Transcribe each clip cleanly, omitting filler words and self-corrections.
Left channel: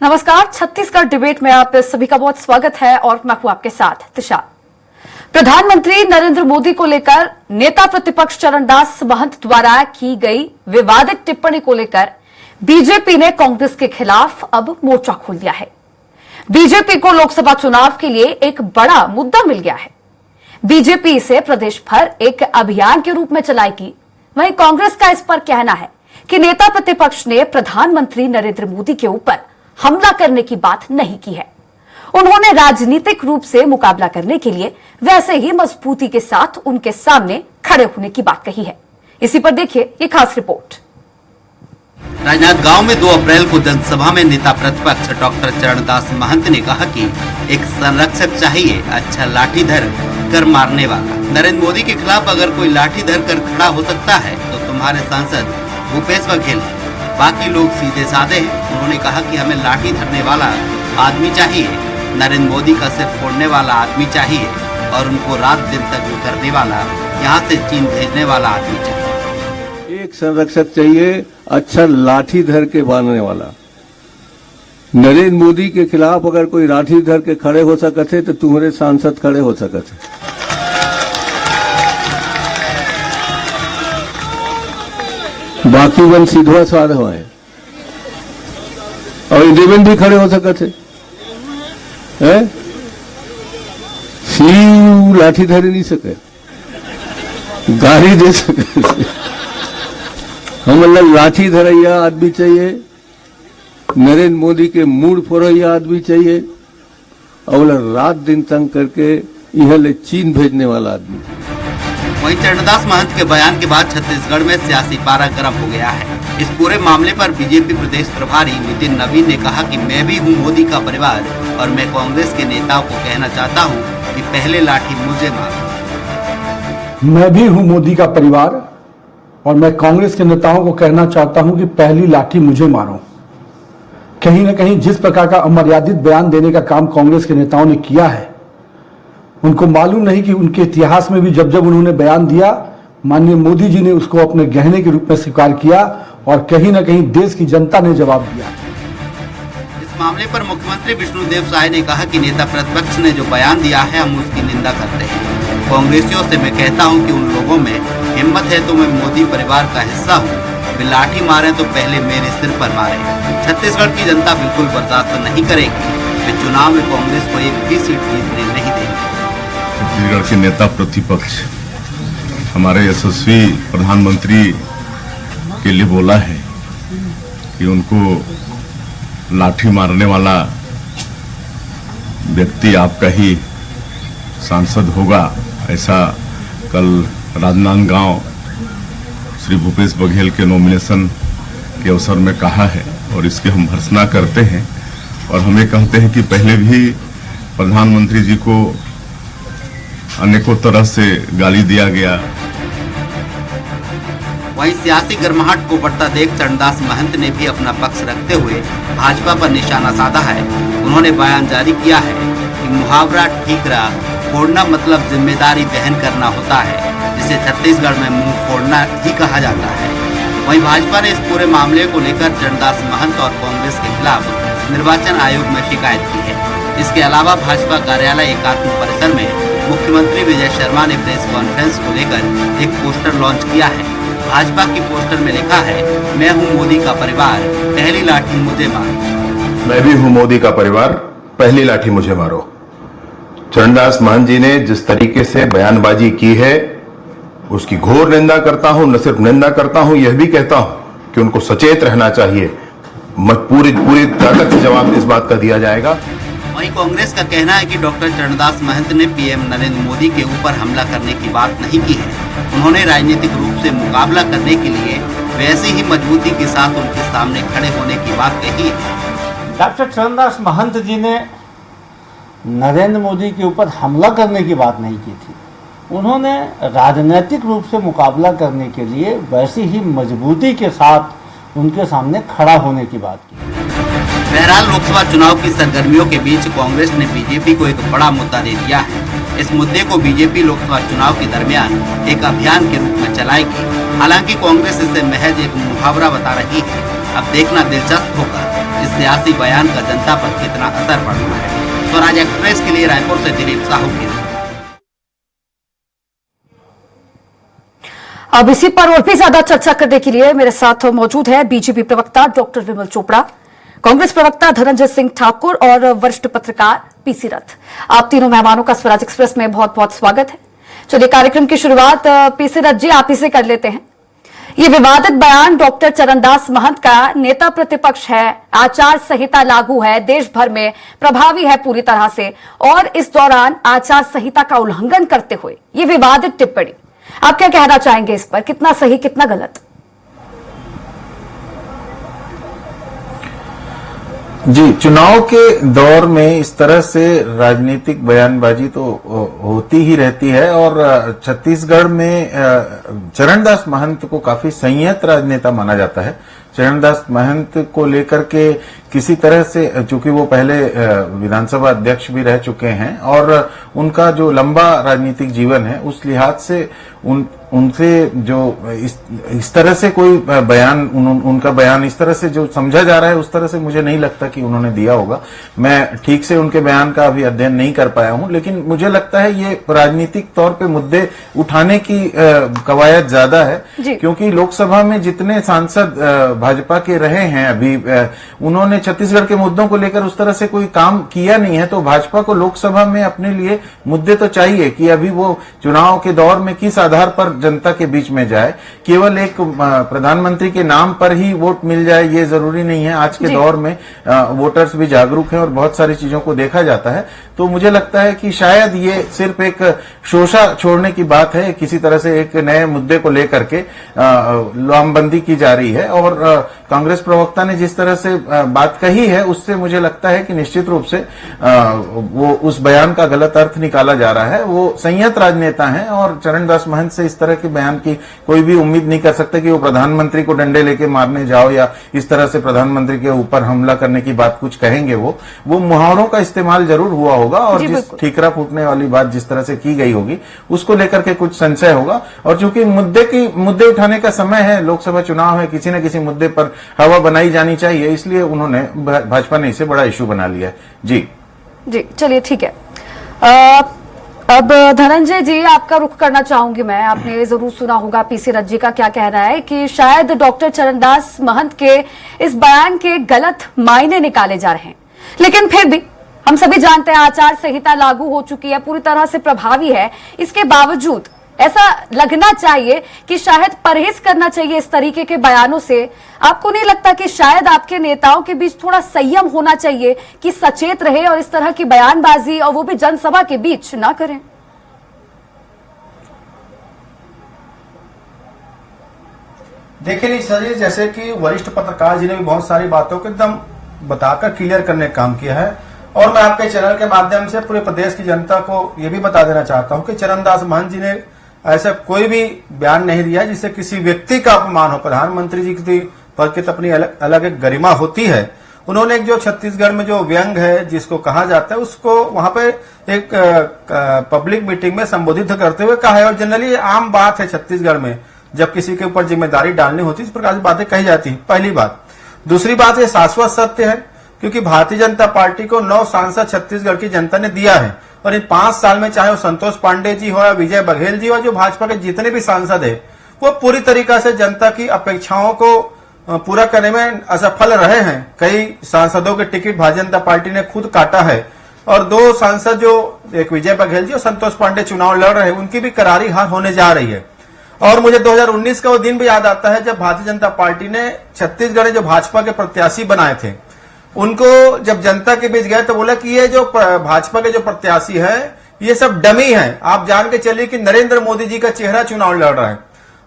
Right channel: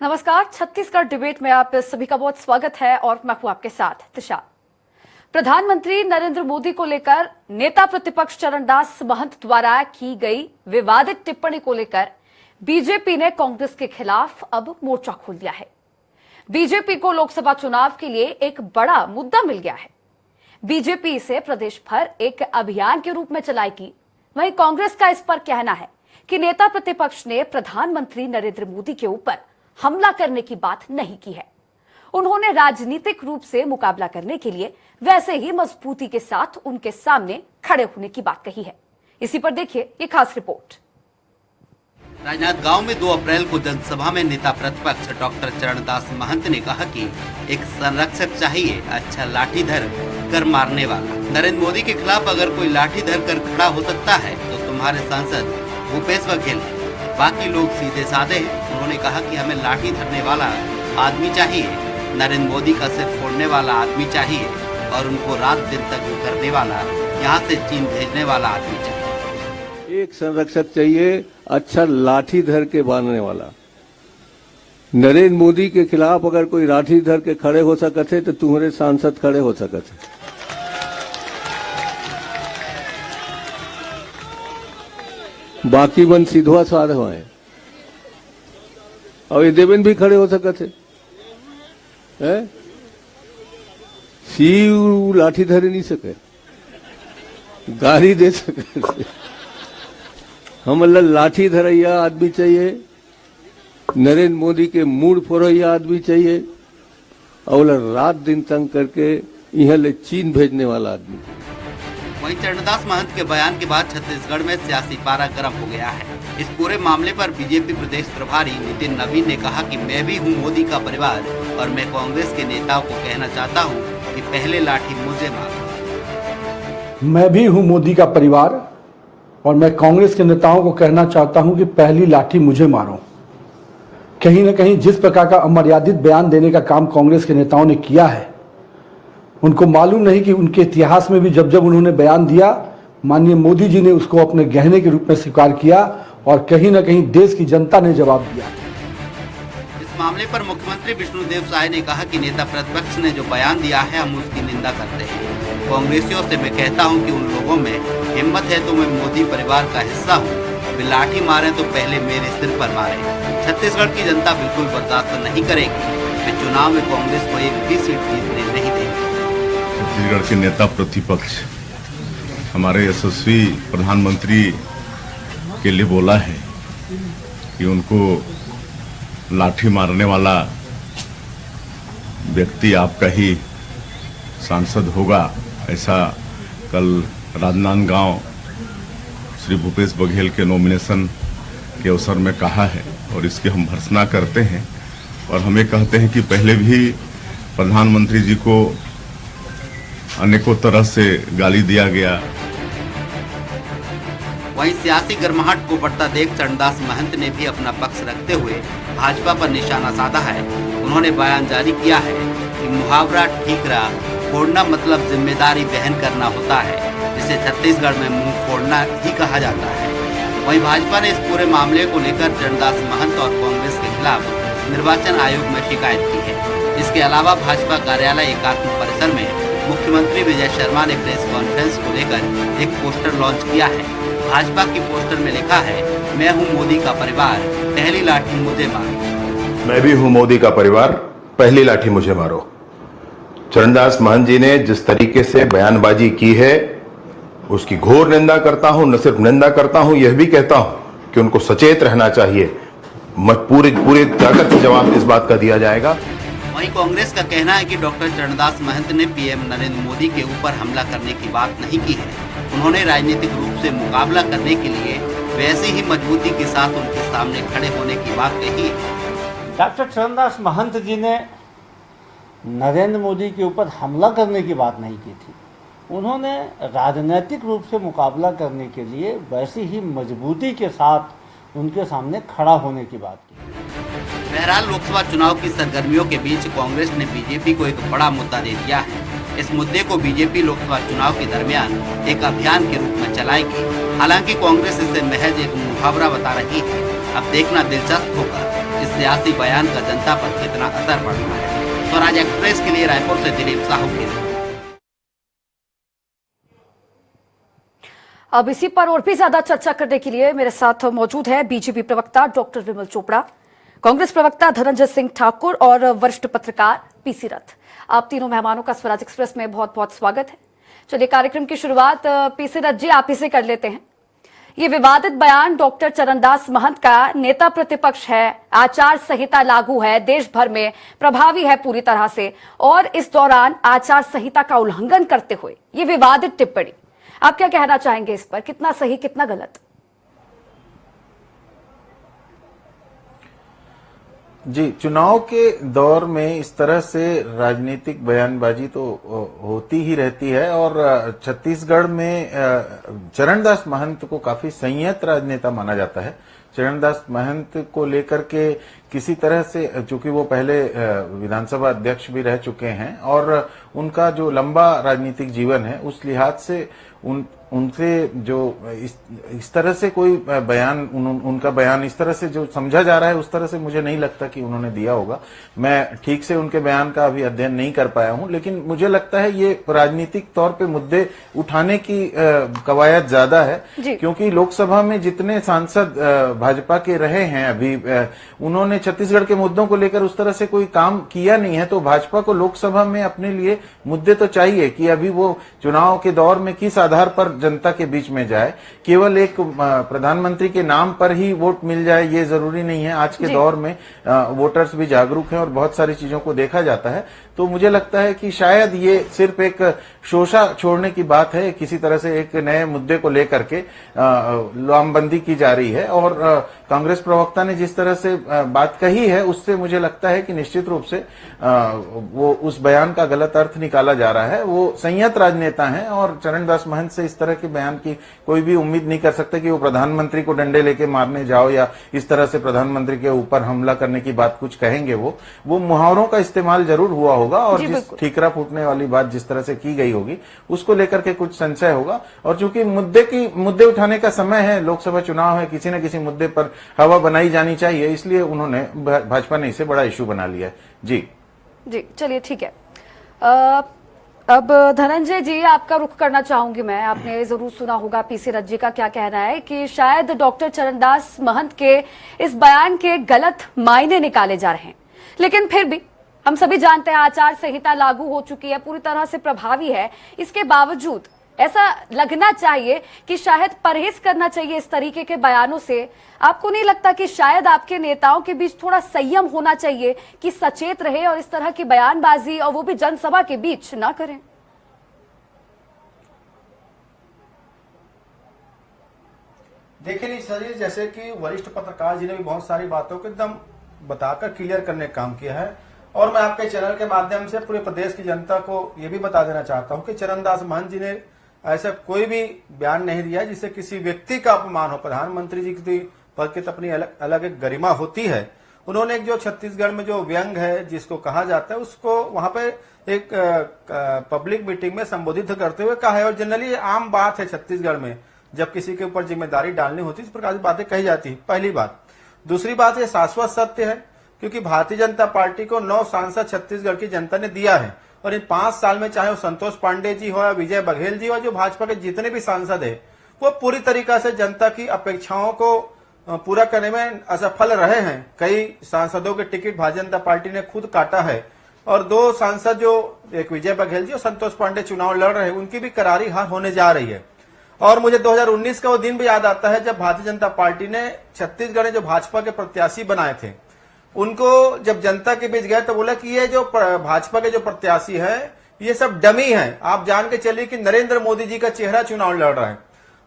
नमस्कार, छत्तीसगढ़ डिबेट में आप सभी का बहुत स्वागत है और मैं हूं आपके साथ दिशा। प्रधानमंत्री नरेंद्र मोदी को लेकर नेता प्रतिपक्ष चरणदास महंत द्वारा की गई विवादित टिप्पणी को लेकर बीजेपी ने कांग्रेस के खिलाफ अब मोर्चा खोल दिया है। बीजेपी को लोकसभा चुनाव के लिए एक बड़ा मुद्दा मिल गया है। बीजेपी इसे प्रदेश भर एक अभियान के रूप में चलाएगी। वहीं कांग्रेस का इस पर कहना है कि नेता प्रतिपक्ष ने प्रधानमंत्री नरेंद्र मोदी के ऊपर हमला करने की बात नहीं की है। उन्होंने राजनीतिक रूप से मुकाबला करने के लिए वैसे ही मजबूती के साथ उनके सामने खड़े होने की बात कही है। इसी पर देखिए ये खास रिपोर्ट। राजनांदगांव में 2 अप्रैल को जनसभा में नेता प्रतिपक्ष डॉक्टर चरणदास महंत ने कहा कि एक संरक्षक चाहिए, अच्छा लाठी धर कर मारने वाला। नरेंद्र मोदी के खिलाफ अगर कोई लाठी धर कर खड़ा हो सकता है तो तुम्हारे सांसद भूपेश बघेल, बाकी लोग सीधे साधे हैं। उन्होंने कहा कि हमें लाठी धरने वाला आदमी चाहिए, नरेंद्र मोदी का सिर फोड़ने वाला आदमी चाहिए और उनको रात दिन तक करने वाला, यहाँ से चीन भेजने वाला आदमी चाहिए। एक संरक्षक चाहिए, अच्छा लाठी धर के मारने वाला। नरेंद्र मोदी के खिलाफ अगर कोई लाठी धर के खड़े हो सकते तो तुम्हारे सांसद खड़े हो सकते। बाकी वन सीधवा साध है और इंडियन भी खड़े हो सकते हैं। शिव लाठी धर नहीं सके, गाड़ी दे सके। हम लाठी धरैया आदमी चाहिए, नरेंद्र मोदी के मूड फोड़ैया आदमी चाहिए और रात दिन तंग करके यह ले चीन भेजने वाला आदमी। वहीं चरणदास महंत के बयान के बाद छत्तीसगढ़ में सियासी पारा गर्म हो गया है। इस पूरे मामले पर बीजेपी प्रदेश प्रभारी नितिन नवीन ने कहा कि मैं भी हूं मोदी का परिवार और मैं कांग्रेस के नेताओं को कहना चाहता हूं कि पहले लाठी मुझे मारो। मैं भी हूं मोदी का परिवार और मैं कांग्रेस के नेताओं को कहना चाहता हूं कि पहली लाठी मुझे मारो। कहीं न कहीं जिस प्रकार का अमर्यादित बयान देने का काम कांग्रेस के नेताओं ने किया है, उनको मालूम नहीं कि उनके इतिहास में भी जब जब उन्होंने बयान दिया, माननीय मोदी जी ने उसको अपने गहने के रूप में स्वीकार किया और कहीं न कहीं देश की जनता ने जवाब दिया। इस मामले पर मुख्यमंत्री विष्णुदेव साय ने कहा कि नेता प्रतिपक्ष ने जो बयान दिया है हम उसकी निंदा करते हैं। कांग्रेसियों से मैं कहता हूं कि उन लोगों में हिम्मत है तो मैं मोदी परिवार का हिस्सा हूं, वे लाठी मारे तो पहले मेरे सिर पर मारे। छत्तीसगढ़ की जनता बिल्कुल बर्दाश्त नहीं करेगी कि चुनाव में कांग्रेस को एक भी सीट जीतने नहीं देगी। छत्तीसगढ़ के नेता प्रतिपक्ष हमारे यशस्वी प्रधानमंत्री के लिए बोला है कि उनको लाठी मारने वाला व्यक्ति आपका ही सांसद होगा, ऐसा कल राजनांदगांव श्री भूपेश बघेल के नॉमिनेशन के अवसर में कहा है और इसके हम भर्त्सना करते हैं और हमें कहते हैं कि पहले भी प्रधानमंत्री जी को अनेकों तरह से गाली दिया गया। वहीं सियासी गर्माहट को बढ़ता देख चरणदास महंत ने भी अपना पक्ष रखते हुए भाजपा पर निशाना साधा है। उन्होंने बयान जारी किया है कि मुहावरा ठीकरा फोड़ना मतलब जिम्मेदारी वहन करना होता है, जिसे छत्तीसगढ़ में मुंह फोड़ना ही कहा जाता है। वहीं भाजपा ने इस पूरे मामले को लेकर चरणदास महंत और कांग्रेस के खिलाफ निर्वाचन आयोग में शिकायत की है। इसके अलावा भाजपा कार्यालय एकात्म परिसर में मुख्यमंत्री विजय शर्मा ने प्रेस कॉन्फ्रेंस को लेकर एक पोस्टर लॉन्च किया है। भाजपा की पोस्टर में लिखा है, मैं हूं मोदी का परिवार, पहली लाठी मुझे मारो। मैं भी हूं मोदी का परिवार, पहली लाठी मुझे मारो। चरणदास महंत जी ने जिस तरीके से बयानबाजी की है उसकी घोर निंदा करता हूं। न सिर्फ निंदा करता हूं, यह भी कहता हूं कि उनको सचेत रहना चाहिए। पूरी ताकत से जवाब इस बात का दिया जाएगा। वहीं कांग्रेस का कहना है कि डॉक्टर चरणदास महंत ने पीएम नरेंद्र मोदी के ऊपर हमला करने की बात नहीं की है। उन्होंने राजनीतिक रूप से मुकाबला करने के लिए वैसे ही मजबूती के साथ उनके सामने खड़े होने की बात कही है। डॉक्टर चरणदास महंत जी ने नरेंद्र मोदी के ऊपर हमला करने की बात नहीं की थी। उन्होंने राजनीतिक रूप से मुकाबला करने के लिए वैसे ही मजबूती के साथ उनके सामने खड़ा होने की बात की। बहरहाल लोकसभा चुनाव की सरगर्मियों के बीच कांग्रेस ने बीजेपी को एक बड़ा मुद्दा दे दिया है। इस मुद्दे को बीजेपी लोकसभा चुनाव के दरमियान एक अभियान के रूप में चलाएगी। हालांकि कांग्रेस इसे महज एक मुहावरा बता रही है। अब देखना दिलचस्प होगा इस सियासी बयान का जनता पर कितना असर पड़ना है। स्वराज एक्सप्रेस के लिए रायपुर से दिलीप साहू की रिपोर्ट। अब इसी पर और भी ज्यादा चर्चा करने के लिए मेरे साथ मौजूद है बीजेपी प्रवक्ता डॉक्टर विमल चोपड़ा, कांग्रेस प्रवक्ता धनंजय सिंह ठाकुर और वरिष्ठ पत्रकार पीसी रथ। आप तीनों मेहमानों का स्वराज एक्सप्रेस में बहुत बहुत स्वागत है। चलिए कार्यक्रम की शुरुआत पीसी रथ जी आप ही से कर लेते हैं। ये विवादित बयान डॉक्टर चरणदास महंत का नेता प्रतिपक्ष है, आचार संहिता लागू है, देश भर में प्रभावी है पूरी तरह से, और इस दौरान आचार संहिता का उल्लंघन करते हुए ये विवादित टिप्पणी, आप क्या कहना चाहेंगे इस पर? कितना सही कितना गलत? जी, चुनाव के दौर में इस तरह से राजनीतिक बयानबाजी तो होती ही रहती है और छत्तीसगढ़ में चरणदास महंत को काफी संयत राजनेता माना जाता है। चरणदास महंत को लेकर के किसी तरह से, चूंकि वो पहले विधानसभा अध्यक्ष भी रह चुके हैं और उनका जो लंबा राजनीतिक जीवन है उस लिहाज से उनसे जो इस तरह से कोई बयान, उनका बयान इस तरह से जो समझा जा रहा है उस तरह से मुझे नहीं लगता कि उन्होंने दिया होगा। मैं ठीक से उनके बयान का अभी अध्ययन नहीं कर पाया हूं, लेकिन मुझे लगता है ये राजनीतिक तौर पे मुद्दे उठाने की कवायद ज्यादा है, क्योंकि लोकसभा में जितने सांसद भाजपा के रहे हैं अभी, उन्होंने छत्तीसगढ़ के मुद्दों को लेकर उस तरह से कोई काम किया नहीं है। तो भाजपा को लोकसभा में अपने लिए मुद्दे तो चाहिए कि अभी वो चुनाव के दौर में किस आधार पर जनता के बीच में जाए। केवल एक प्रधानमंत्री के नाम पर ही वोट मिल जाए ये जरूरी नहीं है। आज के दौर में वोटर्स भी जागरूक हैं और बहुत सारी चीजों को देखा जाता है। तो मुझे लगता है कि शायद ये सिर्फ एक शोषा छोड़ने की बात है, किसी तरह से एक नए मुद्दे को लेकर के लामबंदी की जा रही है। और कांग्रेस प्रवक्ता ने जिस तरह से बात कही है उससे मुझे लगता है कि निश्चित रूप से वो उस बयान का गलत अर्थ निकाला जा रहा है। वो संयत राजनेता हैं और चरणदास महंत से इस तरह के बयान की कोई भी उम्मीद नहीं कर सकता कि वो प्रधानमंत्री को डंडे लेके मारने जाओ या इस तरह से प्रधानमंत्री के ऊपर हमला करने की बात कुछ कहेंगे। वो मुहावरों का इस्तेमाल जरूर हुआ होगा और जिस ठीकरा फूटने वाली बात जिस तरह से की गई होगी उसको लेकर के कुछ संशय होगा। और चूंकि मुद्दे उठाने का समय है, लोकसभा चुनाव है, किसी न किसी मुद्दे पर हवा बनाई जानी चाहिए, इसलिए उन्होंने भाजपा ने इसे बड़ा इश्यू बना लिया है। जी चलिए ठीक है। अब धनंजय जी आपका रुख करना चाहूंगी मैं। आपने जरूर सुना होगा पीसी रथ जी का क्या कहना है कि शायद डॉक्टर चरणदास महंत के इस बयान के गलत मायने निकाले जा रहे हैं, लेकिन फिर भी हम सभी जानते हैं आचार संहिता लागू हो चुकी है, पूरी तरह से प्रभावी है। इसके बावजूद ऐसा लगना चाहिए कि शायद परहेज करना चाहिए इस तरीके के बयानों से। आपको नहीं लगता कि शायद आपके नेताओं के बीच थोड़ा संयम होना चाहिए कि सचेत रहे और इस तरह की बयानबाजी, और वो भी जनसभा के बीच, ना करें? देखिए नहीं सर, जैसे कि वरिष्ठ पत्रकार जी ने भी बहुत सारी बातों को एकदम बताकर क्लियर करने का काम किया है, और मैं आपके चैनल के माध्यम से पूरे प्रदेश की जनता को यह भी बता देना चाहता हूं कि चरणदास महंत जी ने ऐसा कोई भी बयान नहीं दिया जिससे किसी व्यक्ति का अपमान हो। प्रधानमंत्री जी की पद की तो अपनी अलग एक गरिमा होती है। उन्होंने एक जो छत्तीसगढ़ में जो व्यंग है जिसको कहा जाता है उसको वहां पे एक पब्लिक मीटिंग में संबोधित करते हुए कहा है। और जनरली आम बात है छत्तीसगढ़ में जब किसी के ऊपर जिम्मेदारी डालनी होती है इस प्रकार की बातें कही जाती है, पहली बात। दूसरी बात, ये शाश्वत सत्य है क्योंकि भारतीय जनता पार्टी को 9 सांसद छत्तीसगढ़ की जनता ने दिया है, और इन 5 साल में चाहे वो संतोष पांडे जी हो या विजय बघेल जी हो, जो भाजपा के जितने भी सांसद है वो पूरी तरीका से जनता की अपेक्षाओं को पूरा करने में असफल रहे हैं। कई सांसदों के टिकट भारतीय जनता पार्टी ने खुद काटा है, और 2 सांसद जो एक विजय बघेल जी और संतोष पांडे चुनाव लड़ रहे हैं उनकी भी करारी हार होने जा रही है। और मुझे 2019 का वो दिन भी याद आता है जब भारतीय जनता पार्टी ने छत्तीसगढ़ में जो भाजपा के प्रत्याशी बनाए थे उनको जब जनता के बीच गए तो बोला कि ये जो भाजपा के जो प्रत्याशी है ये सब डमी है। आप जान के चलिए कि नरेंद्र मोदी जी का चेहरा चुनाव लड़ रहा है,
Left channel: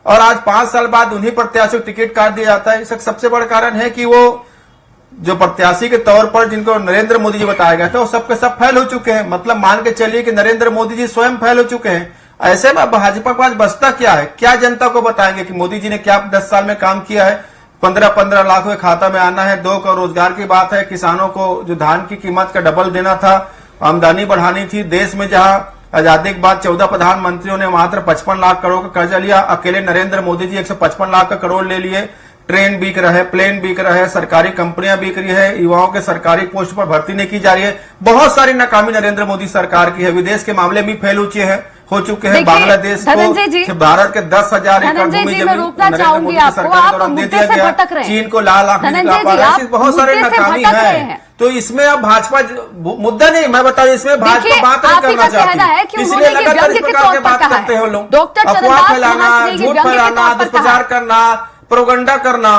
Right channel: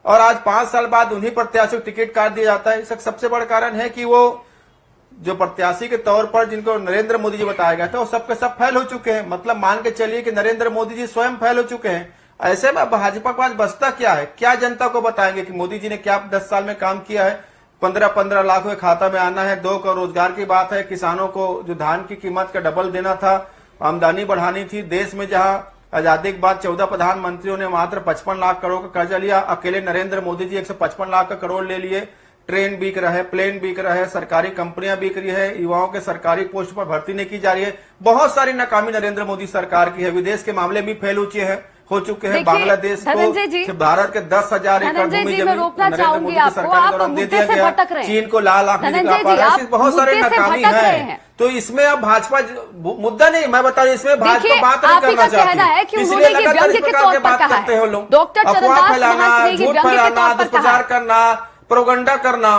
और आज 5 साल बाद उन्हीं प्रत्याशियों को टिकट काट दिया जाता है। इसका सबसे बड़ा कारण है कि वो जो प्रत्याशी के तौर पर जिनको नरेंद्र मोदी जी बताया गया था वो सबके सब फेल हो चुके हैं। मतलब मान के चलिए कि नरेंद्र मोदी जी स्वयं फेल हो चुके हैं। ऐसे में भाजपा के पास बचता क्या है? क्या जनता को बताएंगे कि मोदी जी ने क्या 10 साल में काम किया है? 15-15 लाख के खाता में आना है, 2 करोड़ रोजगार की बात है, किसानों को जो धान की कीमत का डबल देना था, आमदनी बढ़ानी थी। देश में जहां आजादी के बाद 14 प्रधानमंत्रियों ने मात्र 55 लाख करोड़ का कर्जा लिया, अकेले नरेंद्र मोदी जी 155 लाख का करोड़ ले लिए। ट्रेन बिक रहा है, प्लेन बिक रहा है, सरकारी कंपनियां बिक रही है, युवाओं के सरकारी पोस्ट पर भर्ती नहीं की जा रही है। बहुत सारी नाकामी नरेंद्र मोदी सरकार की है। विदेश के मामले में फेल हो चुके हैं। बांग्लादेश को भारत के 10,000 एकड़ भूमि जमीन नरेंद्र मोदी की सरकार के दौरान दे दिया गया। चीन को लाल आंख दिखा, बहुत सारे नाकामी है। तो इसमें अब भाजपा मुद्दा नहीं, मैं बता दूं, इसमें भाजपा बात नहीं करना चाहती, इसलिए लगातार इस प्रकार की बात करते हैं लोग। अफवाह फैलाना, झूठ फैलाना, दुष्प्रचार करना, प्रोपगंडा करना।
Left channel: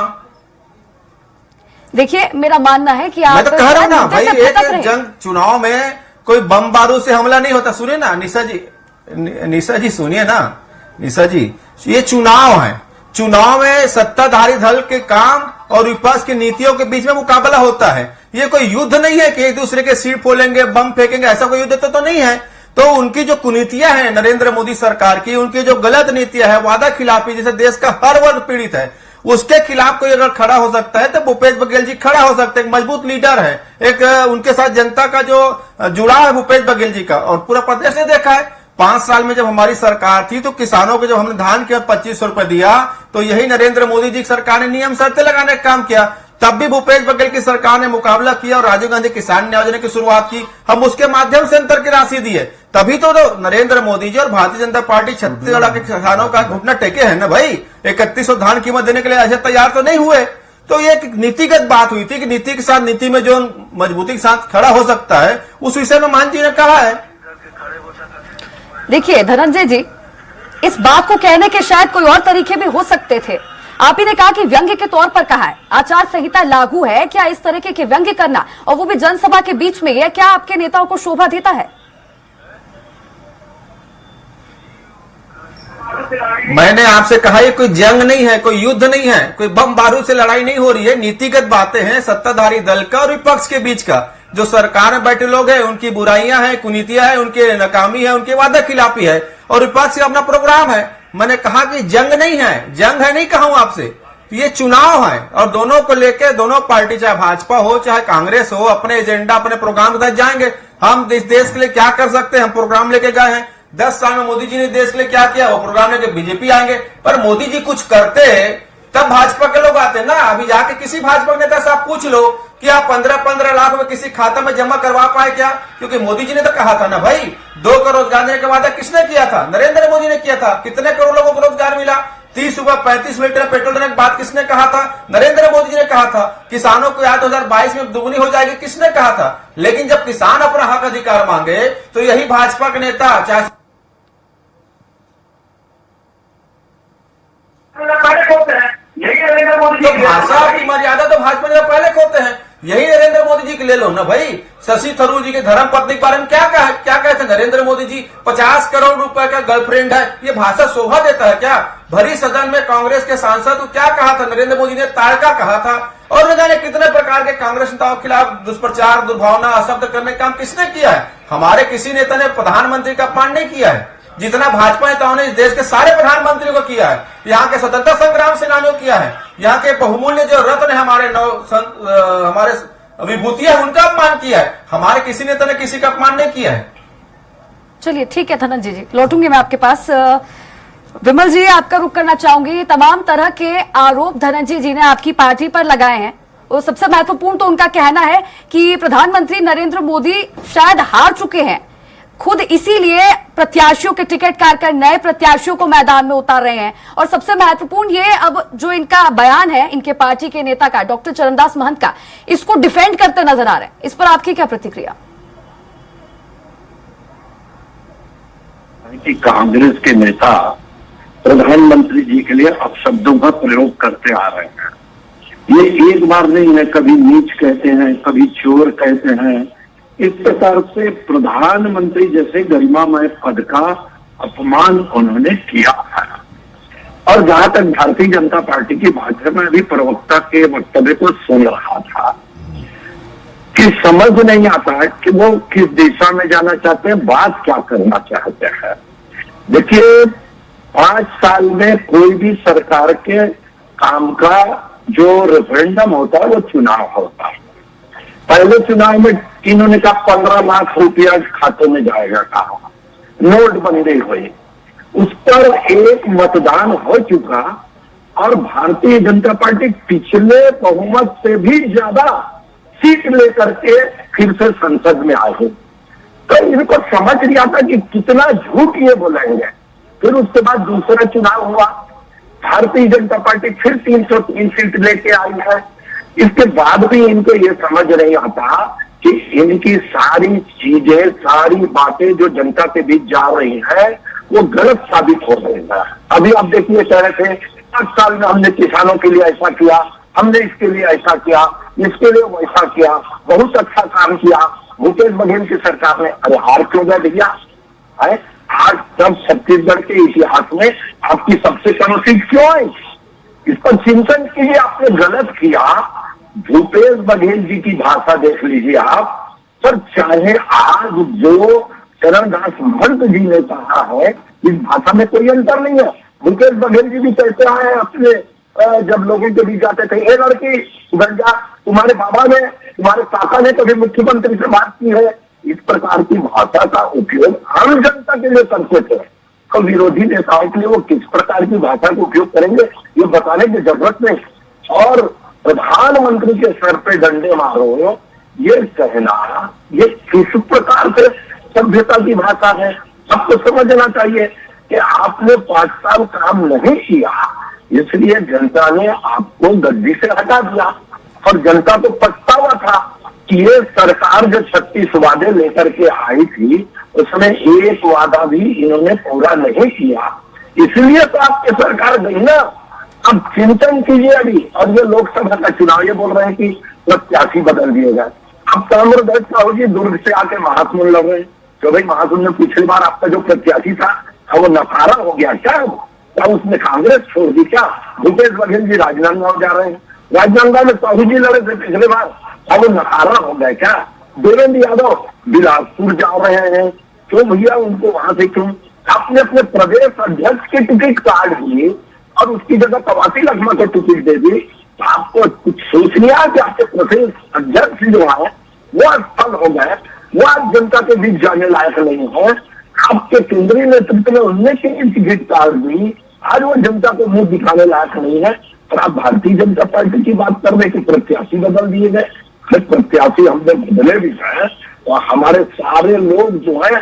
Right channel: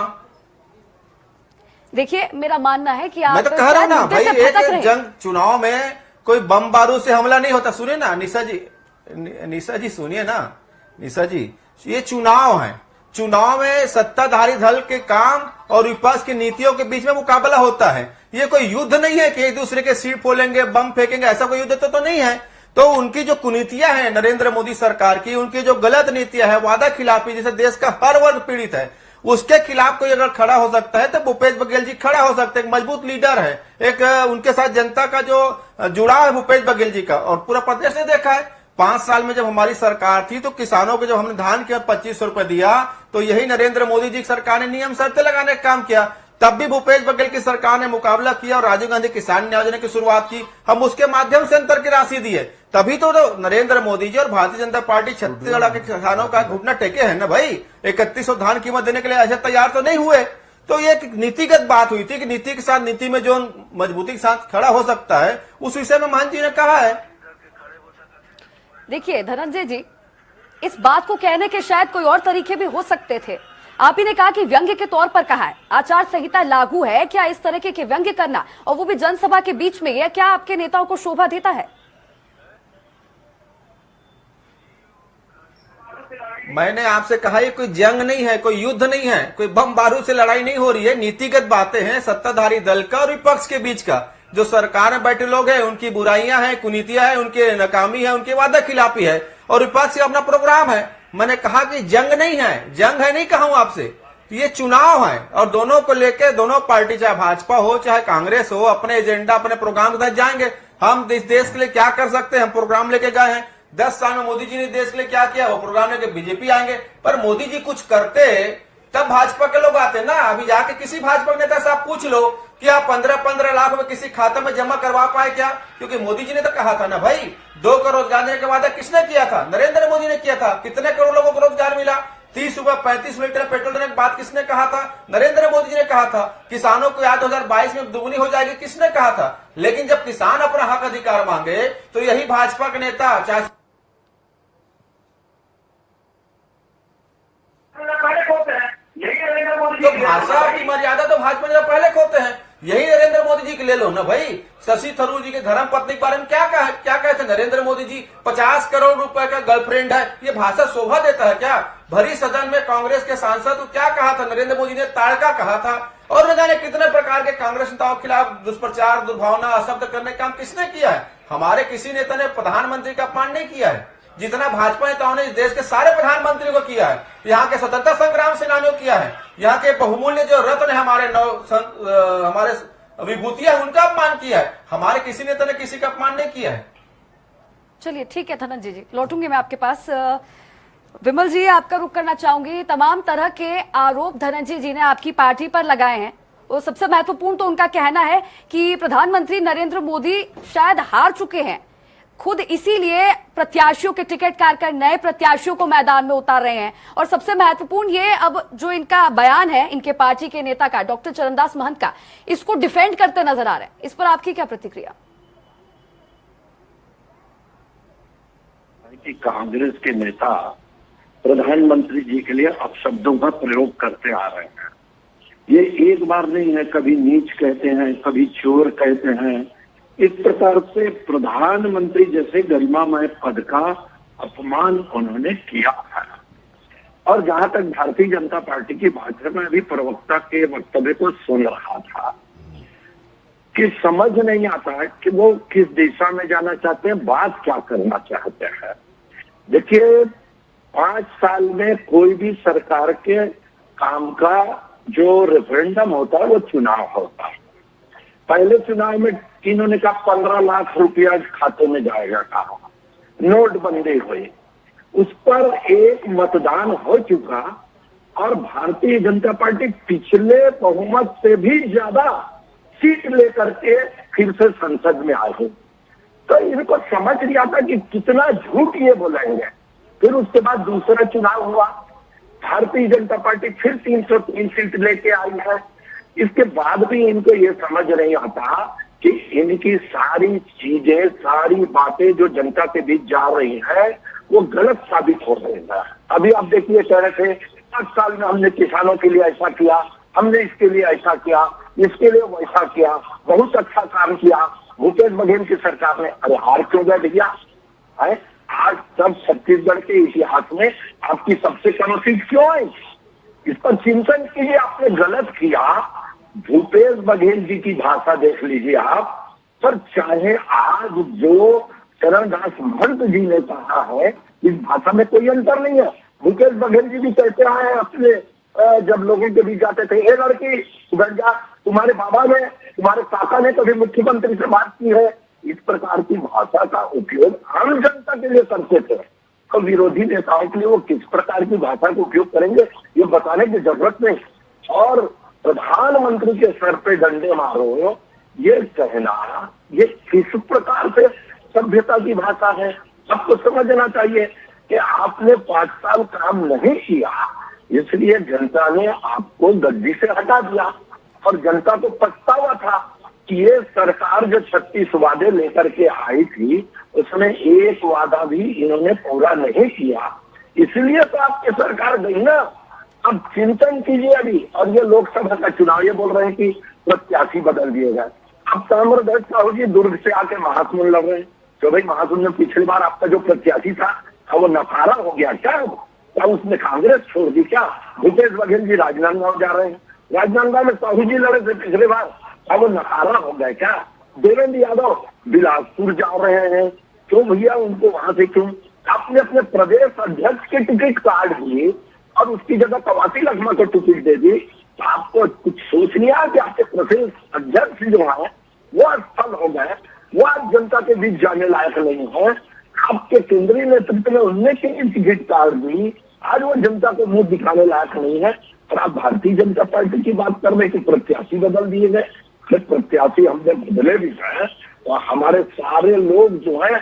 देखिए, मेरा मानना है कि आप, मैं तो कह रहा हूं ना भाई, एक जंग चुनाव में कोई बम बारूद से हमला नहीं होता। सुनिए ना निशा जी सुनिए ना निशा जी, ये चुनाव है। चुनाव में सत्ताधारी दल के काम और विपक्ष की नीतियों के बीच में मुकाबला होता है। ये कोई युद्ध नहीं है कि एक दूसरे के सिर फोलेंगे, बम फेंकेंगे, ऐसा कोई युद्ध तो नहीं है। तो उनकी जो कुनीतियां हैं नरेंद्र मोदी सरकार की, उनकी जो गलत नीतियां है, वादा खिलाफी, जिसे देश का हर वर्ग पीड़ित है, उसके खिलाफ कोई अगर खड़ा हो सकता है तो भूपेश बघेल जी खड़ा हो सकते हैं। एक मजबूत लीडर है, एक उनके साथ जनता का जो जुड़ाव है भूपेश बघेल जी का। और पूरा प्रदेश ने देखा है 5 साल में जब हमारी सरकार थी तो किसानों को जब हमने धान के 2500 रुपए दिया, तो यही नरेंद्र मोदी जी की सरकार ने नियम शर्तें लगाने का काम किया। तब भी भूपेश बघेल की सरकार ने मुकाबला किया और राजीव गांधी किसान न्याय योजना की शुरुआत की। हम उसके माध्यम से अंतर की राशि दिए। तभी तो नरेंद्र मोदी जी और भारतीय जनता पार्टी छत्तीसगढ़ के किसानों का घुटना टेके है ना भाई। 3100 धान कीमत देने के लिए ऐसे तैयार तो नहीं हुए। तो ये एक नीतिगत बात हुई थी कि नीति के साथ, नीति में जो मजबूती के साथ खड़ा हो सकता है, उस विषय में मान जी ने कहा है। देखिए धनंजय जी, इस बात को कहने के शायद कोई और तरीके भी हो सकते थे। आप ही ने कहा कि व्यंग्य के तौर पर कहा है, आचार संहिता लागू है, क्या इस तरीके के व्यंग्य करना और वो भी जनसभा के बीच में, यह क्या आपके नेताओं को शोभा देता है? मैंने आपसे कहा ये कोई जंग नहीं है, कोई युद्ध नहीं है, कोई बम बारूद से लड़ाई नहीं हो रही है। नीतिगत बातें हैं सत्ताधारी दल का और विपक्ष के बीच का। जो सरकार में बैठे लोग हैं उनकी बुराइयां हैं, कुनीतियां हैं, उनके नाकामी है, उनकी वादा खिलाफी है, और विपक्ष का अपना प्रोग्राम है। मैंने कहा कि जंग नहीं है, जंग है नहीं कहा हूं आपसे, ये चुनाव है। और दोनों को लेकर दोनों पार्टी, चाहे भाजपा हो चाहे कांग्रेस हो, अपने एजेंडा, अपने प्रोग्राम के साथ जाएंगे। हम इस देश के लिए क्या कर सकते हैं, हम प्रोग्राम लेके गए हैं। 10 साल में मोदी जी ने देश के लिए क्या किया, वो प्रोग्राम लेके बीजेपी आएंगे। पर मोदी जी कुछ करते तब भाजपा के लोग आते ना। अभी जाके किसी भाजपा नेता से आप पूछ लो कि आप 15-15 लाख रुपए किसी खाता में जमा करवा पाए क्या? क्योंकि मोदी जी ने तो कहा था ना भाई, 2 करोड़ रोजगार देने का वादा किसने किया था? नरेंद्र मोदी ने किया था। कितने करोड़ लोगों को रोजगार मिला? 30 रुपए 35 लीटर पेट्रोल देने की बात किसने कहा था? नरेंद्र मोदी जी ने कहा था। किसानों को 2022 में दुगनी हो जाएगी, किसने कहा था? लेकिन जब किसान अपना हक अधिकार मांगे तो यही भाजपा के नेता, चाहे तो भाषा की मर्यादा तो भाजपा ने पहले खोते हैं। यही नरेंद्र मोदी जी की ले लो ना भाई। शशि थरूर जी के धर्म पत्नी के बारे में क्या कहते हैं नरेंद्र मोदी जी? 50 करोड़ रुपए का गर्लफ्रेंड है। ये भाषा शोभा देता है क्या? भरी सदन में कांग्रेस के सांसद को क्या कहा था नरेंद्र मोदी ने? ताड़का कहा था। और न जाने कितने प्रकार के कांग्रेस नेताओं के खिलाफ दुष्प्रचार, दुर्भावना, अशब्द करने का काम किसने किया है? हमारे किसी नेता ने प्रधानमंत्री का अपमान नहीं किया है जितना भाजपा नेताओं ने इस देश के सारे प्रधानमंत्रियों को किया है। यहाँ के स्वतंत्रता संग्राम सेनानियों किया है। यहाँ के बहुमूल्य जो रत्न है, हमारे विभूतियां, उनका अपमान किया है। हमारे किसी नेता ने किसी का अपमान नहीं किया है। चलिए ठीक है धनंजय जी, लौटूंगी मैं आपके पास। विमल जी, आपका रुख करना चाहूंगी। तमाम तरह के आरोप धनंजय जी ने आपकी पार्टी पर लगाए हैं। वो सबसे महत्वपूर्ण तो उनका कहना है कि प्रधानमंत्री नरेंद्र मोदी शायद हार चुके हैं, खुद इसीलिए प्रत्याशियों के टिकट काट कर नए प्रत्याशियों को मैदान में उतार रहे हैं। और सबसे महत्वपूर्ण ये, अब जो इनका बयान है इनके पार्टी के नेता का, डॉक्टर चरणदास महंत का, इसको डिफेंड करते नजर आ रहे हैं। इस पर आपकी क्या प्रतिक्रिया? कि कांग्रेस के नेता प्रधानमंत्री जी के लिए अपशब्दों का प्रयोग करते आ रहे हैं। ये एक बार नहीं है, कभी नीच कहते हैं, कभी चोर कहते हैं। इस प्रकार से प्रधानमंत्री जैसे गरिमामय पद का अपमान उन्होंने किया है। और जहां तक भारतीय जनता पार्टी की बात है, मैं अभी प्रवक्ता के वक्तव्य को सुन रहा था कि समझ नहीं आता है कि वो किस दिशा में जाना चाहते हैं, बात क्या करना चाहते हैं। देखिए, 5 साल में कोई भी सरकार के काम का जो रेफरेंडम होता है वो चुनाव होता है। पहले चुनाव में इन्होंने कहा 15 लाख रुपया खाते में जाएगा, कहा नोटबंदी हुई, उस पर एक मतदान हो चुका और भारतीय जनता पार्टी पिछले बहुमत से भी ज्यादा सीट लेकर के फिर से संसद में आई। तो इनको समझ नहीं आता कि कितना झूठ ये बोलेंगे। फिर उसके बाद दूसरा चुनाव हुआ, भारतीय जनता पार्टी फिर 303 सीट लेके आई है। इसके बाद भी इनको ये समझ नहीं आता कि इनकी सारी चीजें, सारी बातें जो जनता के बीच जा रही है वो गलत साबित हो रही है। अभी आप देखिए, कह रहे थे 5 साल में हमने किसानों के लिए ऐसा किया, हमने इसके लिए ऐसा किया, इसके लिए वैसा किया, बहुत अच्छा काम किया भूपेश बघेल की सरकार ने। अरे हार क्यों गया भैया? आज तब छत्तीसगढ़ के इतिहास में आपकी सबसे कम सीट क्यों आई? इस पर चिंतन कीजिए। आपने गलत किया। भूपेश बघेल जी की भाषा देख लीजिए आप। पर चाहे आज जो चरणदास महंत जी ने कहा है, इस भाषा में कोई अंतर नहीं है। भूपेश बघेल जी भी कहते हैं अपने, जब लोगों के बीच जाते थे, ये लड़की गंजा, तुम्हारे बाबा ने, तुम्हारे काका ने कभी मुख्यमंत्री से बात की है? इस प्रकार की भाषा का उपयोग आम जनता के लिए करते थे। तो विरोधी नेताओं के लिए वो किस प्रकार की भाषा का उपयोग करेंगे ये बताने की जरूरत नहीं। और प्रधानमंत्री के सर पे डंडे मारो, ये कहना ये किस प्रकार से सभ्यता की भाषा है? सबको समझना चाहिए कि आपने 5 साल काम नहीं किया, इसलिए जनता ने आपको गद्दी से हटा दिया। और जनता को पछतावा था कि ये सरकार जो 36 वादे लेकर के आई थी, उसमें एक वादा भी इन्होंने पूरा नहीं किया, इसलिए तो आपकी सरकार गई ना। अब चिंतन कीजिए अभी। और ये लोकसभा का चुनाव, ये बोल रहे हैं कि प्रत्याशी बदल दिए गए। अब ताम्रध्वज साहू जी दुर्ग से आके महासमुंद लग रहे हैं। तो भाई महासमुंद में पिछली बार आपका जो प्रत्याशी था वो नकारा हो गया क्या? उसने कांग्रेस छोड़ दी क्या? भूपेश बघेल जी राजनांदगांव जा रहे हैं। राजनांदगांव में साहू जी लड़े थे पिछले बार, वो नकारा हो गया क्या? देवेंद्र यादव बिलासपुर जा रहे हैं, क्यों भैया? उनको वहां से क्यों? आपने अपने प्रदेश अध्यक्ष की टिकट काट दी और उसकी जगह कवासी लखमा को टिकट दे दी। तो आपको कुछ सोच नहीं आया कि आपके प्रदेश अध्यक्ष जो है वो असफल हो गए, वो आज जनता के बीच जाने लायक नहीं है। आपके केंद्रीय नेतृत्व ने उनने की टिकट काट दी, आज वो जनता को मुंह दिखाने लायक नहीं है। और आप भारतीय जनता पार्टी की बात कर रहे कि प्रत्याशी बदल दिए गए। प्रत्याशी हमने बदले भी है और हमारे सारे लोग जो है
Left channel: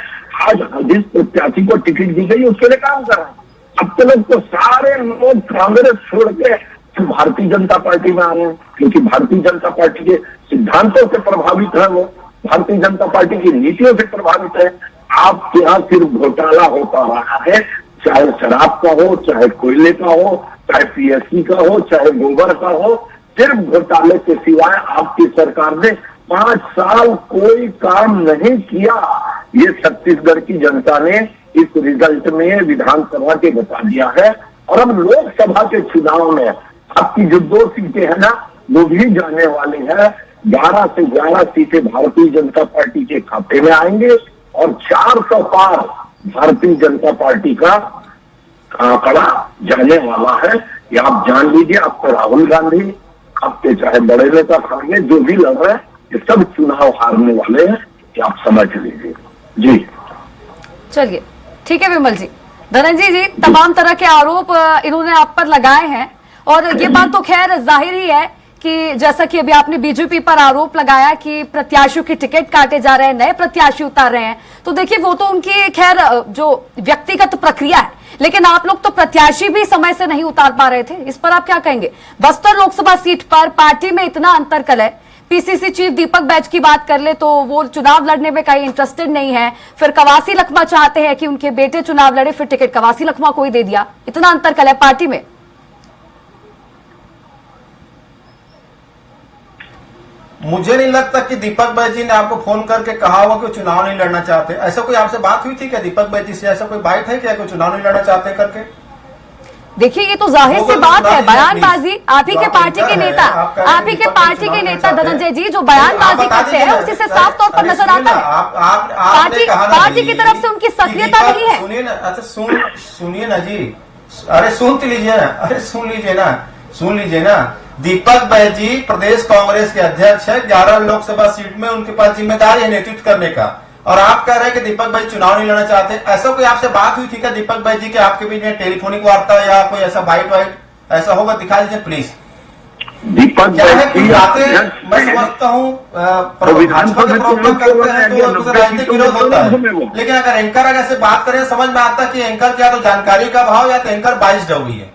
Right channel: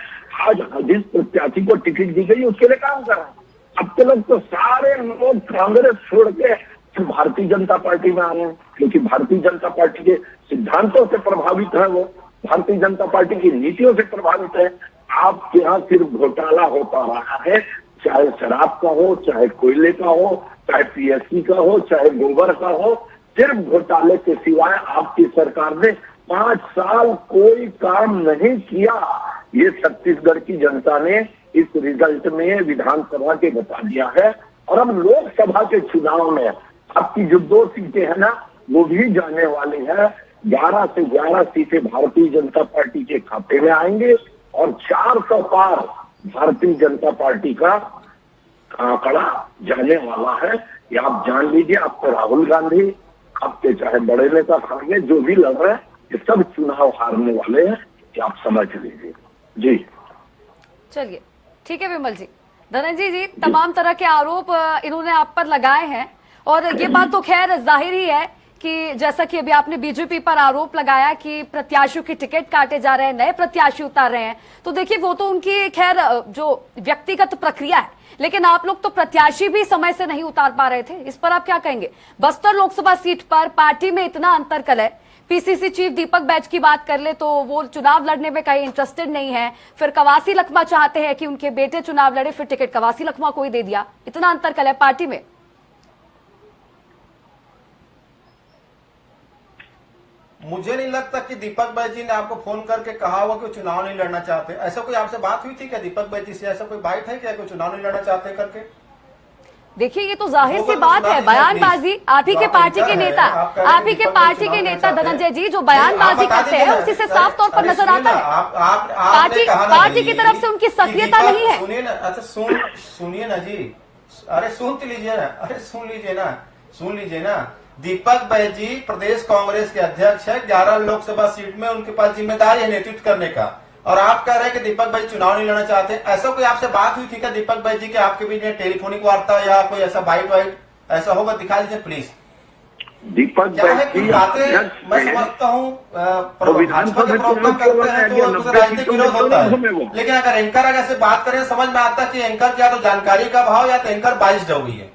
आज जिस प्रत्याशी को टिकट दी गई उसके लिए काम कर रहे हैं। अब तक तो सारे लोग कांग्रेस छोड़ के भारतीय जनता पार्टी में आ रहे हैं, क्योंकि भारतीय जनता पार्टी के सिद्धांतों से प्रभावित है, वो भारतीय जनता पार्टी की नीतियों से प्रभावित है। आपके यहाँ सिर्फ घोटाला होता रहा है, चाहे शराब का हो, चाहे कोयले का हो, चाहे पीएससी का हो, चाहे गोबर का हो। सिर्फ घोटाले के सिवाय आपकी सरकार ने 5 साल कोई काम नहीं किया। ये छत्तीसगढ़ की जनता ने इस रिजल्ट में विधानसभा के बता दिया है। और अब लोकसभा के चुनाव में आपकी जो 2 सीटें है ना, वो भी जाने वाली है। 11 से 11 सीटें भारतीय जनता पार्टी के खाते में आएंगे और 400 पार भारतीय जनता पार्टी का आंकड़ा जाने वाला है। ये आप जान लीजिए। आपको राहुल गांधी, आपके चाहे बड़े नेता खाने जो भी लग रहे हैं, ये सब चुनाव हारने वाले हैं, कि आप समझ लीजिए। जी चलिए, ठीक है विमल जी। धनंजय जी, तमाम तरह के आरोप इन्होंने आप पर लगाए हैं और ये बात तो खैर जाहिर ही है कि जैसा कि अभी आपने बीजेपी पर आरोप लगाया कि प्रत्याशियों के टिकट काटे जा रहे हैं, नए प्रत्याशी उतार रहे हैं, तो देखिए वो तो उनकी खैर जो व्यक्तिगत प्रक्रिया है, लेकिन आप लोग तो प्रत्याशी भी समय से नहीं उतार पा रहे थे। इस पर आप क्या कहेंगे? बस्तर लोकसभा सीट पर पार्टी में इतना अंतरकलह, पीसीसी चीफ दीपक बैज की बात कर ले तो वो चुनाव लड़ने में कहीं इंटरेस्टेड नहीं है, फिर कवासी लखमा चाहते हैं कि उनके बेटे चुनाव लड़े, फिर टिकट कवासी लखमा को ही दे दिया। इतना अंतरकलह पार्टी में। मुझे नहीं लगता कि दीपक बैज जी ने आपको फोन करके कहा होगा कि वो चुनाव नहीं लड़ना चाहते। ऐसा कोई आपसे बात हुई थी क्या दीपक बैज जी से? ऐसा कोई बात है क्या कोई चुनाव नहीं लड़ना चाहते करके? देखिए ये तो जाहिर सी बात है, बयानबाजी। आप ही के पार्टी के नेता, आप ही के पार्टी के नेता धनंजय जी जो बयानबाजी करते हैं उसी से साफ तौर पर नजर आता है पार्टी की तरफ से उनकी सक्रियता नहीं है। सुनिए ना, अच्छा सुनिए ना जी, अरे सुन लीजिए ना, अरे सुन लीजिए ना। दीपक बैज जी प्रदेश कांग्रेस के अध्यक्ष है। 11 लोकसभा सीट में उनके पास जिम्मेदारी है नेतृत्व करने का, और आप कह रहे हैं कि दीपक भाई चुनाव नहीं लड़ना चाहते। ऐसा कोई आपसे बात हुई थी क्या दीपक भाई जी के आपके बीच में टेलीफोनिक वार्ता या कोई ऐसा बाइट वाइट ऐसा होगा दिखा दीजिए प्लीज। दीपक क्या है कुछ बातें मैं समझता हूँ भाजपा के प्रवक्ता करते हैं तो उसे राजनीतिक विरोध होता है, लेकिन अगर एंकर अगर से बात करें समझ में आता है कि एंकर क्या तो जानकारी का अभाव या तो एंकर बाइस्ड हो गई है,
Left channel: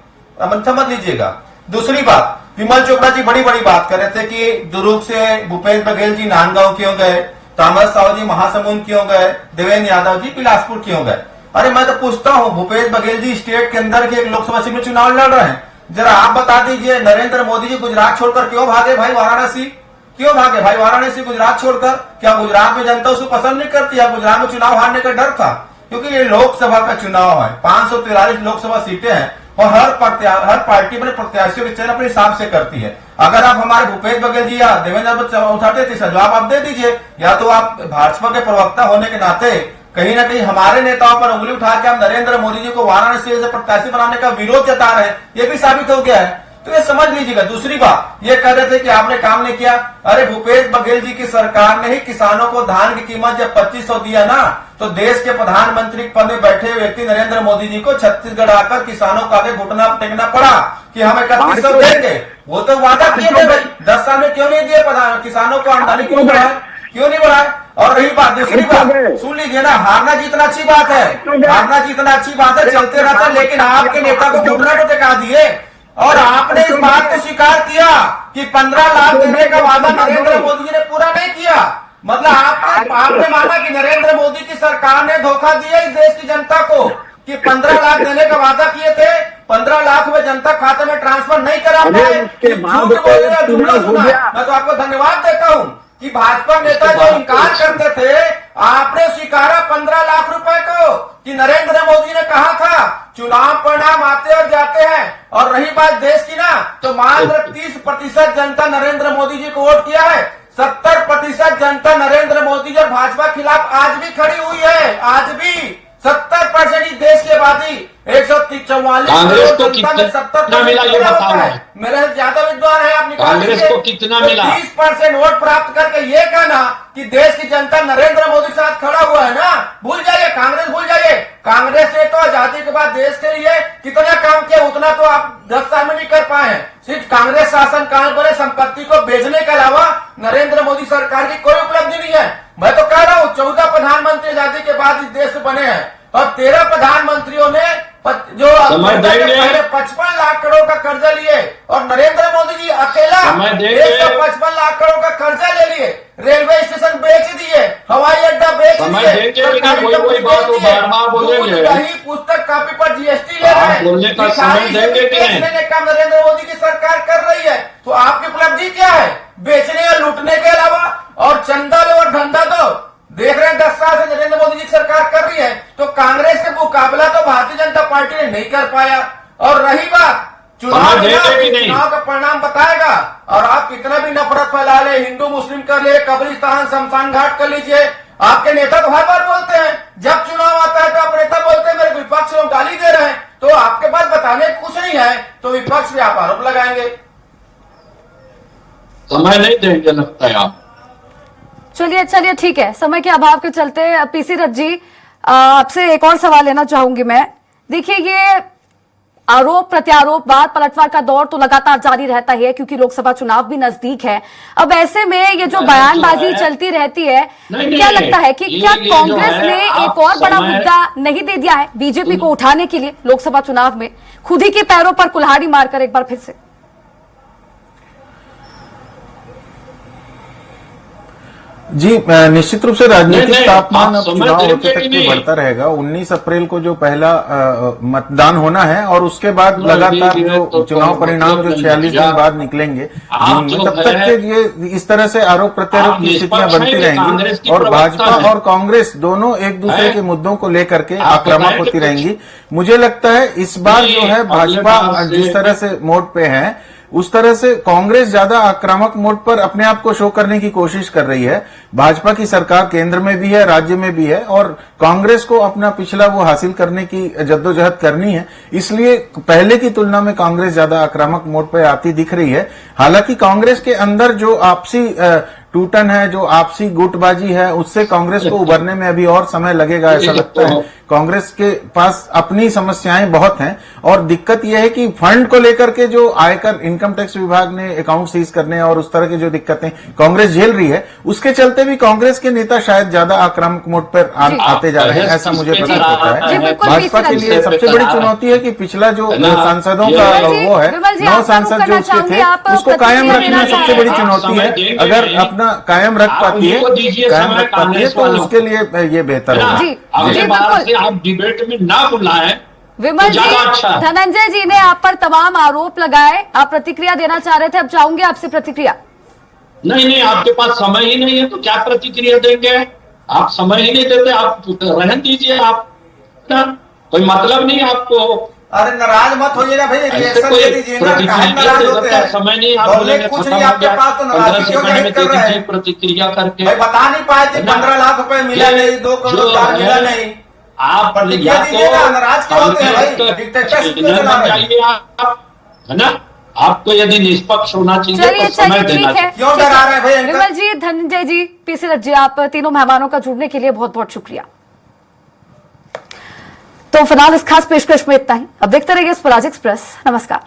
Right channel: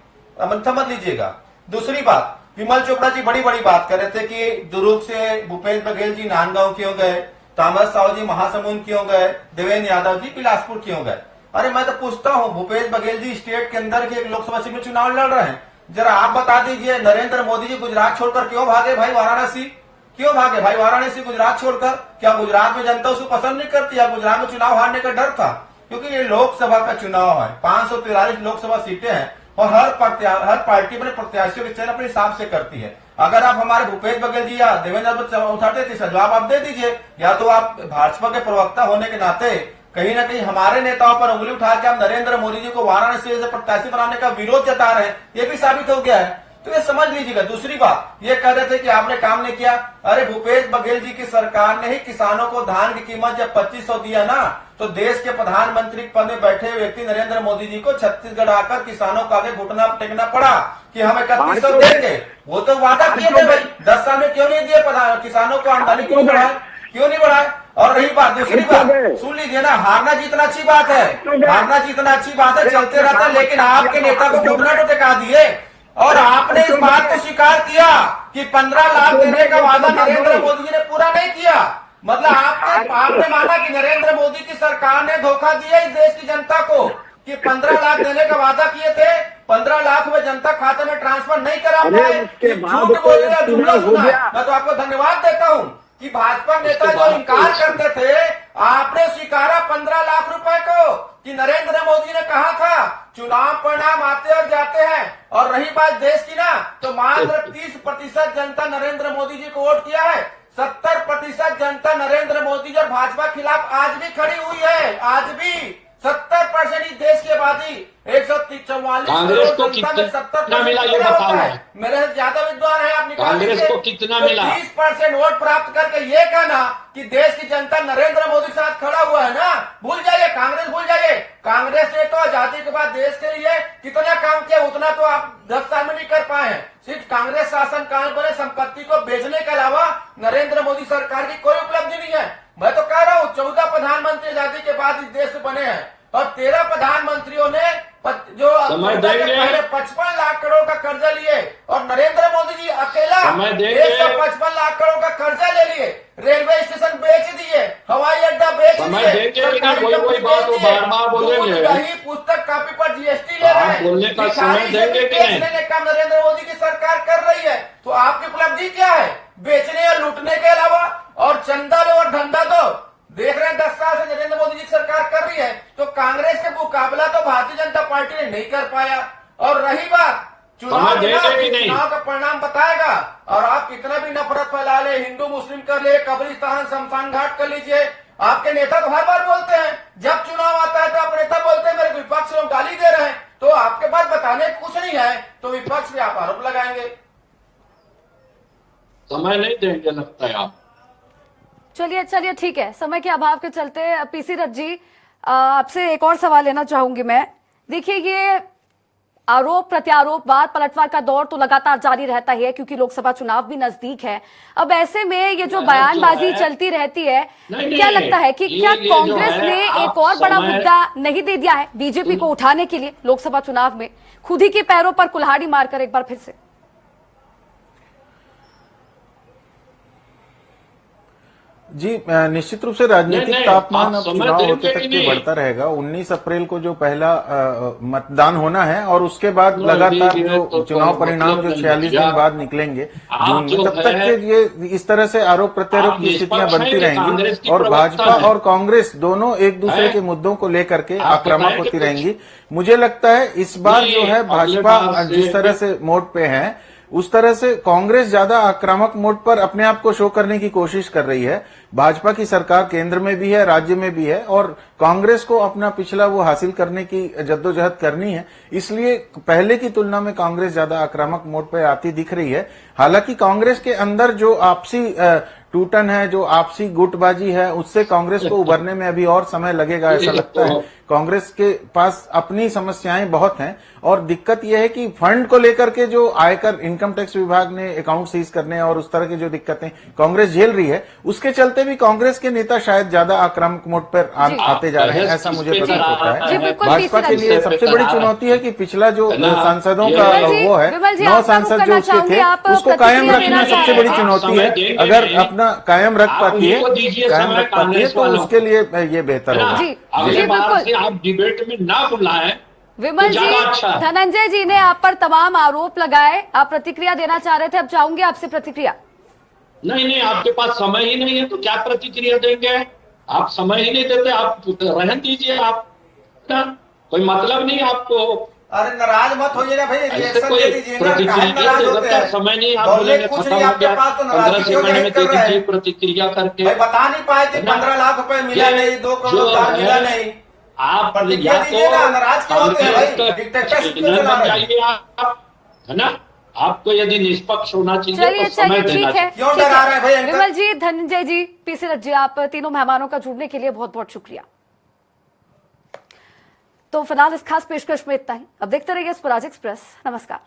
समझ लीजिएगा। दूसरी बात, विमल चोपड़ा जी बड़ी बड़ी बात कर रहे थे कि दुर्ग से भूपेश बघेल जी नांदगांव क्यों गए, तामस साहू जी महासमुंद क्यों गए, देवेंद्र यादव जी बिलासपुर क्यों गए। अरे मैं तो पूछता हूँ, भूपेश बघेल जी स्टेट के अंदर के एक लोकसभा सीट में चुनाव लड़ रहे हैं, जरा आप बता दीजिए नरेंद्र मोदी जी गुजरात छोड़कर क्यों भागे भाई वाराणसी, क्यों भागे भाई वाराणसी गुजरात छोड़कर? क्या गुजरात में जनता उसको पसंद नहीं करती या गुजरात में चुनाव हारने का डर था? क्योंकि ये लोकसभा का चुनाव है, 543 लोकसभा सीटें हैं और हर पार्टी अपने प्रत्याशियों के चयन अपने हिसाब से करती है। अगर आप हमारे भूपेश बघेल जी या देवेंद्र उठाते थे इसका जवाब आप दे दीजिए, या तो आप भाजपा के प्रवक्ता होने के नाते कहीं ना कहीं हमारे नेताओं पर उंगली उठा के हम नरेंद्र मोदी जी को वाराणसी से प्रत्याशी बनाने का विरोध जता रहे हैं, ये भी साबित हो गया है। तो ये समझ लीजिएगा। दूसरी बात, ये कह रहे थे कि आपने काम नहीं किया। अरे भूपेश बघेल जी की सरकार ने ही किसानों को धान की कीमत जब 2500 दिया ना, तो देश के प्रधानमंत्री पद में बैठे व्यक्ति नरेंद्र मोदी जी को छत्तीसगढ़ आकर किसानों का आगे घुटना टेकना पड़ा कि हम 3100 देंगे। वो तो वादा किए थे भाई, 10 साल में क्यों नहीं दिए किसानों को आमदनी क्यों नहीं बढ़ाए? और रही बात, दूसरी बात सुन लीजिए ना, हारना जीतना अच्छी बात है, हारना जीतना अच्छी बात है, चलते रहता, लेकिन आपके नेता को घुटना तो टिका दिए और आपने इस बात को स्वीकार किया कि 15 लाख देने का वादा नरेंद्र मोदी जी ने पूरा नहीं किया। मतलब आपने माना कि नरेंद्र मोदी की सरकार ने धोखा दिया इस देश की जनता को कि 15 लाख देने का वादा किए थे, 15 लाख में जनता खाते में ट्रांसफर नहीं करा पाए। मैं तो आपको धन्यवाद देता हूँ कि भाजपा नेता जो इनकार करते थे, आपने स्वीकारा 15 लाख रुपए को कि नरेंद्र मोदी ने कहा था चुनाव परिणाम आते और जाते हैं। और रही बात देश की ना, तो मात्र 30% जनता नरेंद्र मोदी जी को वोट किया है, 70% जनता नरेंद्र मोदी जी और भाजपा खिलाफ आज भी खड़ी हुई है। आज भी 70% देश की आबादी 144 कांग्रेस को कितना मिला ये बताओ। मेरा ज्यादा विद्वान है, आप कांग्रेस को कितना मिला? 30% वोट प्राप्त करके ये कहना कि देश की जनता नरेंद्र मोदी के साथ खड़ा हुआ है ना, भूल जाइए, कांग्रेस भूल जाइए। कांग्रेस ने तो आजादी के बाद देश के लिए कितना काम किया, उतना तो आप 10 साल में नहीं कर पाए हैं। सिर्फ कांग्रेस शासन काल पर संपत्ति को बेचने के अलावा नरेंद्र मोदी सरकार की कोई उपलब्धि नहीं है। मैं तो कह रहा हूँ 14 प्रधानमंत्री आजादी के बाद इस देश में बने हैं और 13 प्रधानमंत्रियों ने जो पहले 55 लाख करोड़ का कर्जा लिए और नरेंद्र मोदी जी अकेला 155 लाख करोड़ का कर्जा ले लिए, रेलवे स्टेशन बेच दिए, हवाई अड्डा बेच दिए, पुस्तक कॉपी पर जीएसटी ले रहे हैं। काम नरेंद्र मोदी की सरकार कर रही है, तो आपकी उपलब्धि क्या है? बेचने और लूटने के अलावा और चंदा लो और धंधा दो। देख रहे हैं 10 साल से नरेंद्र मोदी जी सरकार कर रही है, तो कांग्रेस के मुकाबला तो भारतीय जनता पार्टी ने नहीं कर पाया। और रही बात चुनाव का परिणाम बताएगा, और आप कितना भी नफरत फैला ले, हिंदू मुस्लिम कर ले, कब्रिस्तान शमशान घाट कर लीजिए, आपके नेता तो हर बार बोलते हैं, जब चुनाव आता है तो आप नेता बोलते हैं मेरे विपक्ष लोग गाली दे रहे हैं, तो आपके पास बताने कुछ नहीं है तो विपक्ष भी आप आरोप लगाएंगे। समय नहीं देंगे लगता है आप। चलिए ठीक है, समय के अभाव के चलते पीसी रथ जी आपसे एक और सवाल लेना चाहूंगी मैं। देखिए, ये आरोप प्रत्यारोप वाद पलटवार का दौर तो लगातार जारी रहता है क्योंकि लोकसभा चुनाव भी नजदीक है। अब ऐसे में ये जो बयानबाजी चलती रहती है, क्या लगता है कि क्या कांग्रेस ने एक और बड़ा मुद्दा नहीं दे दिया है बीजेपी को उठाने के लिए लोकसभा चुनाव में, खुद ही के पैरों पर कुल्हाड़ी मारकर एक बार फिर से? जी, निश्चित रूप से राजनीतिक तापमान अब चुनाव होते तक भी बढ़ता रहेगा। 19 अप्रैल को जो पहला मतदान होना है और उसके बाद लगातार जो चुनाव परिणाम जो 46 दिन बाद निकलेंगे तब तक के ये इस तरह से आरोप प्रत्यारोप की स्थितियां बनती रहेंगी और भाजपा और कांग्रेस दोनों एक दूसरे के मुद्दों को लेकर के आक्रामक होती रहेंगी। मुझे लगता है इस बार जो है भाजपा जिस तरह से मोड पे है उस तरह से कांग्रेस ज्यादा आक्रामक मोड पर अपने आप को शो करने की कोशिश कर रही है। भाजपा की सरकार केंद्र में भी है, राज्य में भी है और कांग्रेस को अपना पिछला वो हासिल करने की जद्दोजहद करनी है, इसलिए पहले की तुलना में कांग्रेस ज्यादा आक्रामक मोड पर आती दिख रही है। हालांकि कांग्रेस के अंदर जो आपसी टूटन है, जो आपसी गुटबाजी है, उससे कांग्रेस को उभरने में अभी और समय लगेगा ऐसा लगता है, कांग्रेस के पास अपनी समस्याएं बहुत हैं और दिक्कत यह है कि फंड को लेकर के जो आयकर इनकम टैक्स विभाग ने अकाउंट सीज करने और उस तरह की जो दिक्कतें कांग्रेस झेल रही है, उसके चलते भी कांग्रेस के नेता शायद ज्यादा आक्रामक मोड पर आते जा रहे हैं, ऐसा मुझे प्रतीत होता है। भाजपा के लिए सबसे बड़ी चुनौती है कि पिछला जो सांसदों का वो है, 9 सांसद जो उसके थे, उसको कायम रखना सबसे बड़ी चुनौती है। अगर अपना कायम रख पाती है तो उसके लिए ये बेहतर होगा। अगले बार से आप डिबेट में ना बुलाएं। विमल जी, अच्छा। धनंजय जी ने आप पर तमाम आरोप लगाए, आप प्रतिक्रिया देना चाह रहे थे, अब चाहूंगे आपसे प्रतिक्रिया। नहीं, आपके पास समय ही नहीं है तो क्या प्रतिक्रिया देंगे? आप समय ही नहीं देते, आप रहने दीजिए। आप कोई मतलब नहीं आपको। अरे नाराज मत होइए ना भाई, ऐसे रिएक्शन कोई दे दीजिए ना, प्रतिक्रिया काहे नाराज होते देने का हैं? समय नहीं, आप बोलने बोलेंगे कुछ खत्म नहीं हो आपके गया, पास, तो 15 नाराजगी सेकंड में व्यक्त दे कर रहे दीजिए हैं। प्रतिक्रिया करके। भाई बता नहीं पाए थे, 15 लाख रुपए मिला नहीं, 2 करोड़ रोजगार मिला नहीं। आप प्रतिक्रिया या तो दीजिए ना, नाराज क्यों होते हैं भाई? कांग्रेस डिक्टेटरशिप का क्यों चला बन रहे हैं? जाइए आप, है ना? आपको यदि निष्पक्ष होना चाहिए चलिए तो समय चलिए, देना ठीक है। चाहिए। क्यों डरा रहे हैं भाई इनका? विमल जी, धनंजय जी, पीसी रथ जी, आप तीनों मेहमानों का जुड़ने के लिए बहुत बहुत शुक्रिया। तो फिलहाल इस खास पेशकश में इतना ही। अब देखते रहिए स्वराज एक्सप्रेस। नमस्कार।